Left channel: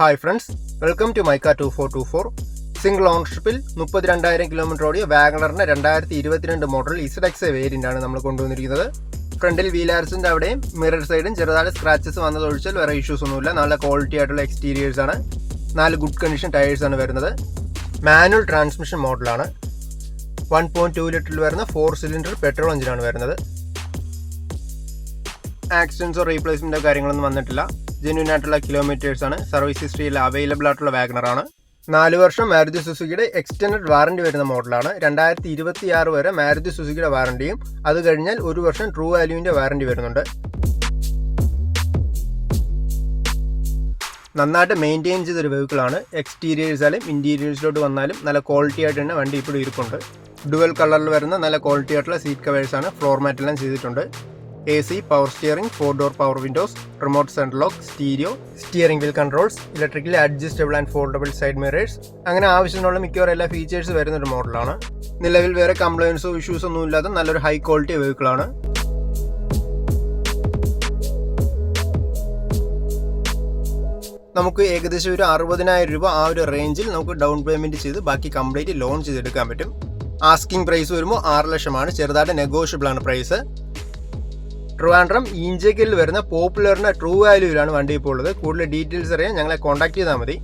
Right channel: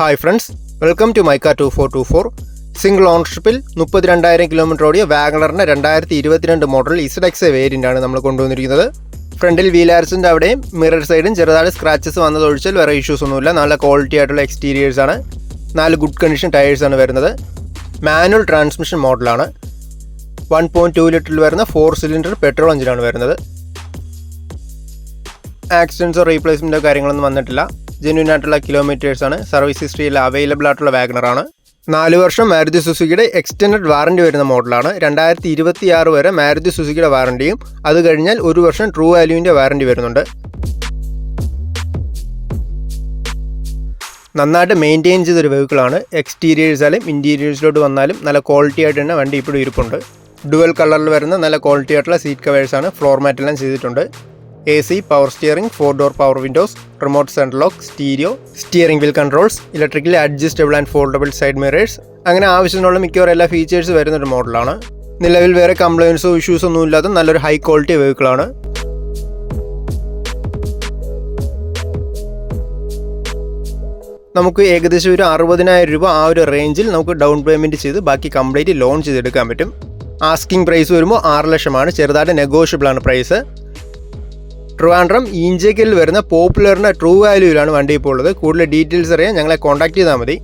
Hi friends, welcome to മൈക്ക 2424. Single ഓണർഷിപ്പിൽ 32,000 kilometre ഓടിയ വാഗണറിൻ്റെ 2022 മോഡൽ ഇസഡെക്സ് വേരിയൻ്റാണ് നമ്മൾ കൊണ്ടുവന്നിരിക്കുന്നത്. ഫ്രണ്ടിൽ വീൽ ആർസിൻ്റെ അവിടെയും മിറർ സൈഡും ചെറുതായിട്ട് സ്ക്രാച്ചസ് വന്നതൊഴിച്ചാൽ വേറെ ഇഷ്യൂസ് ഒന്നുമില്ല. നല്ല ക്വാളിറ്റി ആയിട്ടുള്ള എക്സ്റ്റീരിയേഴ്സാണ്. 4 ഗുഡ് കണ്ടീഷൻ ടയേഴ്സാണ് വരുന്നത്. മാനുവൽ ട്രാൻസ്മിഷൻ മോഡലാണ്. 1.2 ലിറ്ററിൽ വരുന്ന 4 സിലിണ്ടർ പെട്രോൾ എഞ്ചിനാണ് വരുന്നത്. ആക്സിഡൻസോ റീപ്ലേസ്മെൻറ്റോ കാര്യങ്ങളൊന്നും വന്നിട്ടില്ല. ജെന്യൂൻ ആയിട്ടുള്ള കിലോമീറ്റേഴ്സാണ്. സർവീസ് ഹിസ്റ്ററിയിൽ അവൈലബിൾ ആയിട്ടുള്ള വാഗണറാണ്. 4 വർഷം മാരുതി സുസുക്കിയുടെ എക്സ്റ്റൻഡഡ് വാറണ്ടി വരുന്ന മോഡലാണ്. 2026 വരെ മാരുതി സുസുക്കിയുടെ വാറണ്ടിയും അത് കഴിഞ്ഞാൽ 1 വർഷം ട്രൂ വാല്യൂവിൻ്റെ വാറണ്ടി വരുന്നുണ്ട്. നന്നായിട്ട് മെയിൻറ്റെയിൻ ചെയ്തൊരു വെഹിക്കിളാണ്. എക്സ്റ്റീരിയേഴ്സായാലും ഇൻറ്റീരിയേഴ്സിലോട്ട് വന്നാലും നല്ല ക്വാളിറ്റി ആയിട്ട് തന്നെ വണ്ടി ഇപ്പോഴും ഇരിപ്പുണ്ട്. ഡുവൽ കളറിൽ വരുന്ന നല്ല ക്വാളിറ്റി ആയിട്ടുള്ള സീറ്റ് കവേഴ്സാണ്. ഫ്ലോർ മാറ്റെല്ലാം ചെയ്തിട്ടുണ്ട്. AC, power steering, 4 door power Windows, remote central lock, stereo, steering wheel controls, electrically adjustable and foldable side mirrors, അങ്ങനെ ആവശ്യത്തിനുള്ള മിക്കവാറും എല്ലാ ഫീച്ചേഴ്സ് വരുന്നൊരു മോഡലാണ്. നിലവിൽ വേറെ കംപ്ലയിൻസോ ഇഷ്യൂസോ ഒന്നും ഇല്ലാത്ത നല്ലൊരു ഹൈ ക്വാളിറ്റി വെഹിക്കിളാണ്. നമുക്ക് ഏകദേശം ഒരു 60,000 രൂപ ആ ഒരു റേഞ്ചിൽ നമുക്ക് ഡൗൺ പേയ്മെൻറ്റ് ചെയ്ത് ബാക്കി കംപ്ലീറ്റ് ലോൺ ചെയ്തെടുക്കാൻ പറ്റും. ആസ്കിംഗ് പ്രൈസ് വരുമ്പോൾ 6 ലക്ഷമാണ്. ചെറുതായിട്ട് നെഗോഷ്യബിൾ ആണ് പ്രൈസ്. ട്രിവാൻഡ്രം ഈഞ്ചേക്കലിൽ വരുന്ന പോപ്പുലറിൻ്റെ ട്രൂ വാല്യൂവിലാണ് വണ്ടി ഇപ്പോൾ ഉള്ളത്. കൂടുതൽ ഡീറ്റെയിൽസ് അറിയാൻ ഞങ്ങളെ കോൺടാക്ട് ചെയ്താൽ മതി.